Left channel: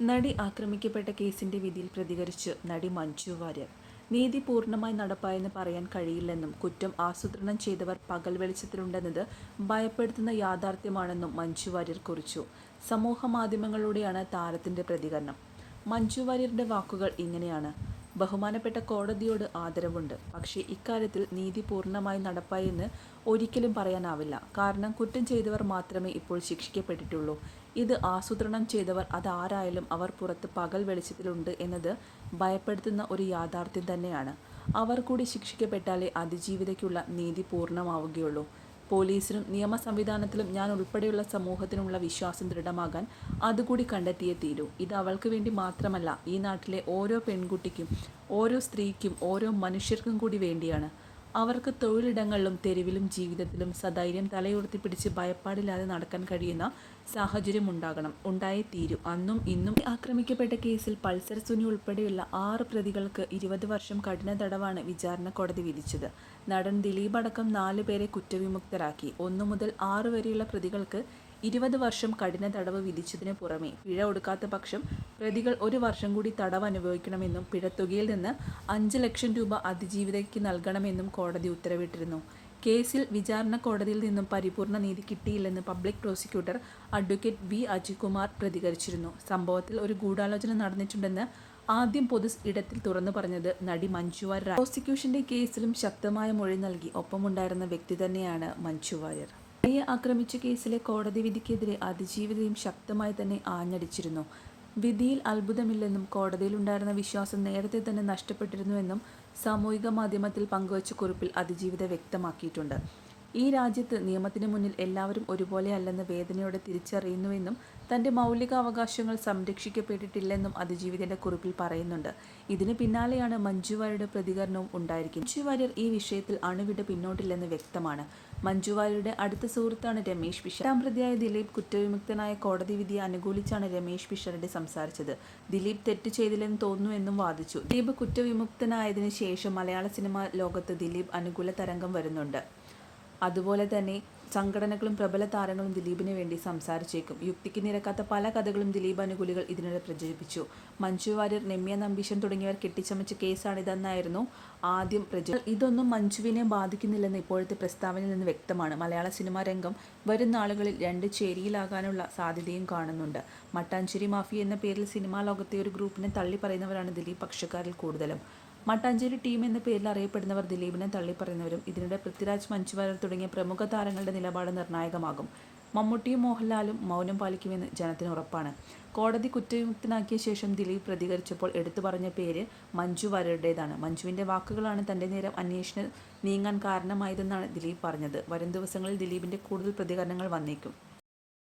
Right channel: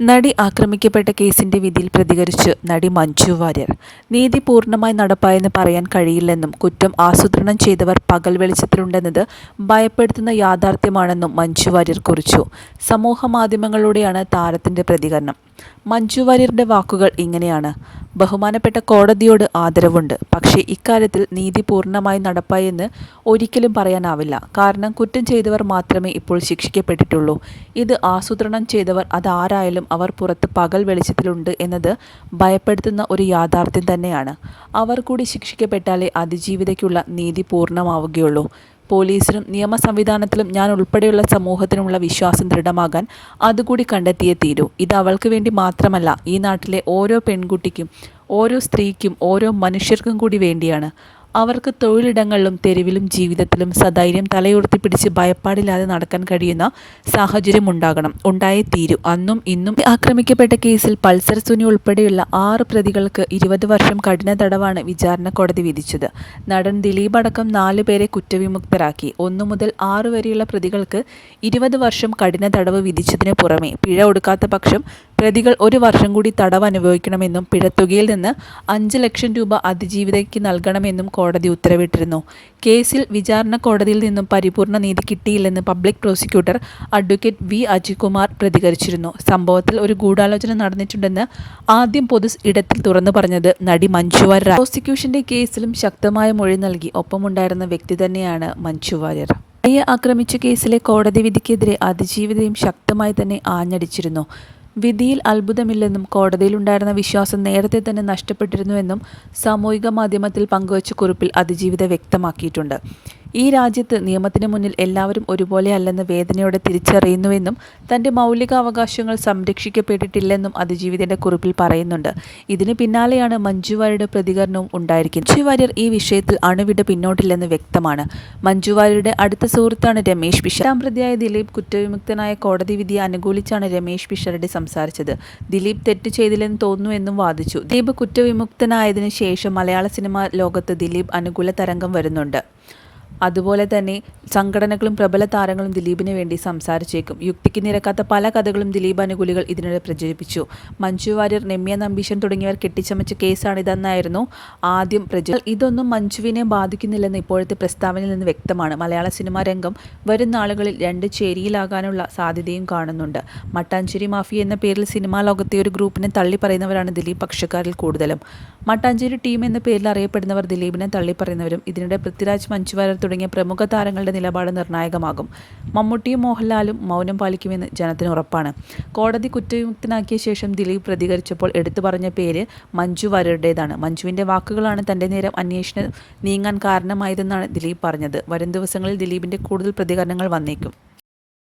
നടി ആക്രമിക്കപ്പെട്ട കേസിന്റെ വിധിയിൽ പ്രതികരിച്ച് നടി മഞ്ജു വാര്യർ. നീതി പൂർണ്ണമായി നടപ്പായെന്ന് പറയാൻ കഴിയില്ലെന്നും കുറ്റം ആസൂത്രണം ചെയ്തവർ പകൽ വെളിച്ചത്തിലുണ്ടെന്നത് ഭയപ്പെടുത്തുന്ന യാഥാർത്ഥ്യമാണെന്നും മഞ്ജു വാര്യർ കുറിച്ചു. സമൂഹമാധ്യമങ്ങളിലൂടെയാണ് താരത്തിന്റെ പ്രതികരണം. മഞ്ജു വാര്യരുടെ വാക്കുകൾ ഇങ്ങനെയാണ്: ബഹുമാനപ്പെട്ട കോടതിയോട് ആദരവുണ്ട്. പക്ഷേ ഇക്കാര്യത്തിൽ നീതി പൂർണ്ണമായി നടപ്പായെന്ന് ഒരിക്കലും പറയാനാവില്ല. കാരണം കുറ്റം ചെയ്തവർ മാത്രമേ ഇപ്പോൾ ശിക്ഷിക്കപ്പെട്ടിട്ടുള്ളൂ. ഇത് ആസൂത്രണം ചെയ്തവർ അതാരായാലും അവർ പുറത്ത് പകൽ വെളിച്ചത്തിലുണ്ട് എന്നത് ഭയപ്പെടുത്തുന്ന ഒരു യാഥാർത്ഥ്യം തന്നെയാണ്. അവർ കൂടി ശിക്ഷിക്കപ്പെട്ടാലേ അതിജീവിതയ്ക്കുള്ള നീതി പൂർണ്ണമാവുകയുള്ളൂ. പോലീസിലും നിയമ സംവിധാനത്തിലും ഞാൻ ഉൾപ്പെടെയുള്ള സമൂഹത്തിനുമുള്ള വിശ്വാസം ദൃഢമാകാൻ അതുകൂടി കണ്ടെത്തിയേ തീരൂ. ഇത് അവൾക്ക് വേണ്ടി മാത്രമല്ല, ഈ നാട്ടിലെ ഓരോ പെൺകുട്ടിക്കും, ഓരോ സ്ത്രീക്കും, ഓരോ മനുഷ്യർക്കും കൂടി വേണ്ടിയാണ്. അവർക്ക് തൊഴിലിടങ്ങളിലും തെരുവിലും ജീവിതത്തിലും സധൈര്യം തലയുയർത്തിപ്പിടിച്ച് ഭയപ്പാടില്ലാതെ നടക്കാൻ കഴിയുന്ന സാഹചര്യം ഉണ്ടാകണം. ഉണ്ടായേ തീരൂ. അന്നും ഇന്നും ആക്രമിക്കപ്പെട്ട കേസിൽ പൾസർ സുനി ഉൾപ്പെടെയുള്ള 6 പ്രതികൾക്ക് 20 വർഷം കഠിന തടവാണ് വിചാരണ കോടതി വിധിച്ചത്. നടൻ ദിലീപ് അടക്കം 4 പേരെ കുറ്റവിമുക്തരാക്കി. 1 മുതൽ 6 വരെയുള്ള പ്രതികൾക്ക് 20 വർഷം കഠിന തടവ് വിധിച്ചതിന് പുറമെ പിഴ ഒടുക്കാത്ത പക്ഷം പ്രതികൾ 1 വർഷം കൂടി തടവ് അനുഭവിക്കണമെന്നും പിഴത്തുകയിൽ നിന്ന് 5 ലക്ഷം രൂപ അതിജീവിതയ്ക്ക് നൽകണമെന്നും കോടതി ഉത്തരവിട്ടിരുന്നു. കേസിൽ വിചാരണ കോടതിയിൽ നിന്നും പരിപൂർണ നീതി കിട്ടിയില്ലെന്ന് public prosecutor advocate V Ajikumar പ്രതികരിച്ചിരുന്നു. സംഭവത്തിൽ ഒരു ഗൂഢാലോചന നടന്നിട്ടുണ്ടെന്ന് ആദ്യം പൊതു ഇടത്തിൽ തുറന്നു പറഞ്ഞത് നടി മഞ്ജു വാര്യർ. പ്രോസിക്യൂഷന്റെ കേസിലും ശക്തമായ മൊഴി നൽകി ഒപ്പമുണ്ടായിരുന്ന വ്യക്തി തന്നെയാണ് മഞ്ജു വാര്യർ. നടിയെ ആക്രമിച്ച കേസിലെ കോടതി വിധിക്കെതിരെ അതിജീവിതയും ശക്തമായി തന്നെ ആഞ്ഞടിച്ചിരുന്നു. വിധിയിൽ അത്ഭുതമില്ലെന്നും കോടതിയിലുണ്ടായിരുന്ന വിശ്വാസം നേരത്തെ തന്നെ നഷ്ടപ്പെട്ടിരുന്നുവെന്നും സാമൂഹിക മാധ്യമത്തിൽ പങ്കുവച്ച കുറിപ്പിൽ അതിജീവിത വ്യക്തമാക്കിയിട്ടുണ്ട്. ഈ രാജ്യത്ത് നിയമത്തിന് മുന്നിൽ എല്ലാവരും ഒരുപോലെ അല്ലെന്ന് വേദനയോടെ തിരിച്ചറിയുന്നുവെന്നും തൻ്റെ മൗലിക അവകാശങ്ങൾ സംരക്ഷിക്കപ്പെട്ടിട്ടില്ലെന്നും അതിജീവിതയുടെ കുറിപ്പിൽ പറയുന്നുണ്ട്. ഇതിന് പിന്നാലെയാണ് മഞ്ജു വാര്യരുടെ പ്രതികരണവും ഉണ്ടായിരിക്കുന്നത്. മഞ്ജു വാര്യർ ഈ വിഷയത്തിൽ അണുവിട പിന്നോട്ടില്ലെന്ന് വ്യക്തമാണ്. മഞ്ജു വാര്യരുടെ അടുത്ത സുഹൃത്താണ് രമേശ് പിഷാരടി. 8ാം പ്രതിയായ ദിലീപ് കുറ്റവിമുക്തനായ കോടതി വിധിയെ അനുകൂലിച്ചാണ് രമേശ് പിഷാരടി സംസാരിച്ചത്. ദിലീപ് തെറ്റ് ചെയ്തില്ലെന്ന് തോന്നുന്നുവെന്നും വാദിച്ചു. ദിലീപ് കുറ്റവിമുക്തനായതിനു ശേഷം മലയാള സിനിമാ ലോകത്ത് ദിലീപ് അനുകൂല തരംഗം വരുന്നുണ്ട്. അതുപോലെ തന്നെ സംഘടനകളും പ്രബല താരങ്ങളും ദിലീപിന് വേണ്ടി സംസാരിച്ചേക്കും. യുക്തിക്ക് നിരക്കാത്ത പല കഥകളും ദിലീപ് അനുകൂലികൾ ഇതിനിടെ പ്രചരിപ്പിച്ചു. മഞ്ജു വാര്യർ, രമ്യ നമ്പീശൻ തുടങ്ങിയവർ കെട്ടിച്ചമച്ച കേസാണിതെന്നായിരുന്നു ആദ്യം പ്രചരിച്ചത്. ഇതൊന്നും മഞ്ജുവിനെ ബാധിക്കുന്നില്ലെന്ന് ഇപ്പോഴത്തെ പ്രസ്താവനയിൽ നിന്ന് വ്യക്തമാണ്. മലയാള സിനിമാ രംഗം വരും നാളുകളിൽ 2 ചേരിയിലാകാനുള്ള സാധ്യതയും കാണുന്നുണ്ട്. മട്ടാഞ്ചേരി മാഫിയ എന്ന പേരിൽ സിനിമാ ലോകത്തെ ഒരു ഗ്രൂപ്പിനെ തള്ളിപ്പറയുന്നവരാണ് ദിലീപ് പക്ഷക്കാരിൽ കൂടുതലും. മട്ടാഞ്ചേരി ടീം എന്ന പേരിൽ അറിയപ്പെടുന്നവർ ദിലീപിനെ തള്ളിപ്പറയുന്നവരും. ഇതിനിടെ പൃഥ്വിരാജ്, മഞ്ജു വാര്യർ തുടങ്ങിയ പ്രമുഖ താരങ്ങളുടെ നിലപാട് നിർണായകമാകും. മമ്മൂട്ടിയും മോഹൻലാലും മൗനം പാലിക്കുമെന്ന് ജനത്തിന് ഉറപ്പാണ്. കോടതി കുറ്റവിമുക്തനാക്കിയ ശേഷം ദിലീപ് പ്രതികരിച്ചപ്പോൾ എടുത്തു പറഞ്ഞ പേര് മഞ്ജു വാര്യരുടേതാണ്. മഞ്ജുവിൻ്റെ വാക്കുകളാണ് തൻ്റെ നേരം അന്വേഷണം നീങ്ങാൻ കാരണമായതെന്നാണ് ദിലീപ് പറഞ്ഞത്. വരും ദിവസങ്ങളിൽ ദിലീപിൻ്റെ കൂടുതൽ പ്രതികരണങ്ങൾ വന്നേക്കും.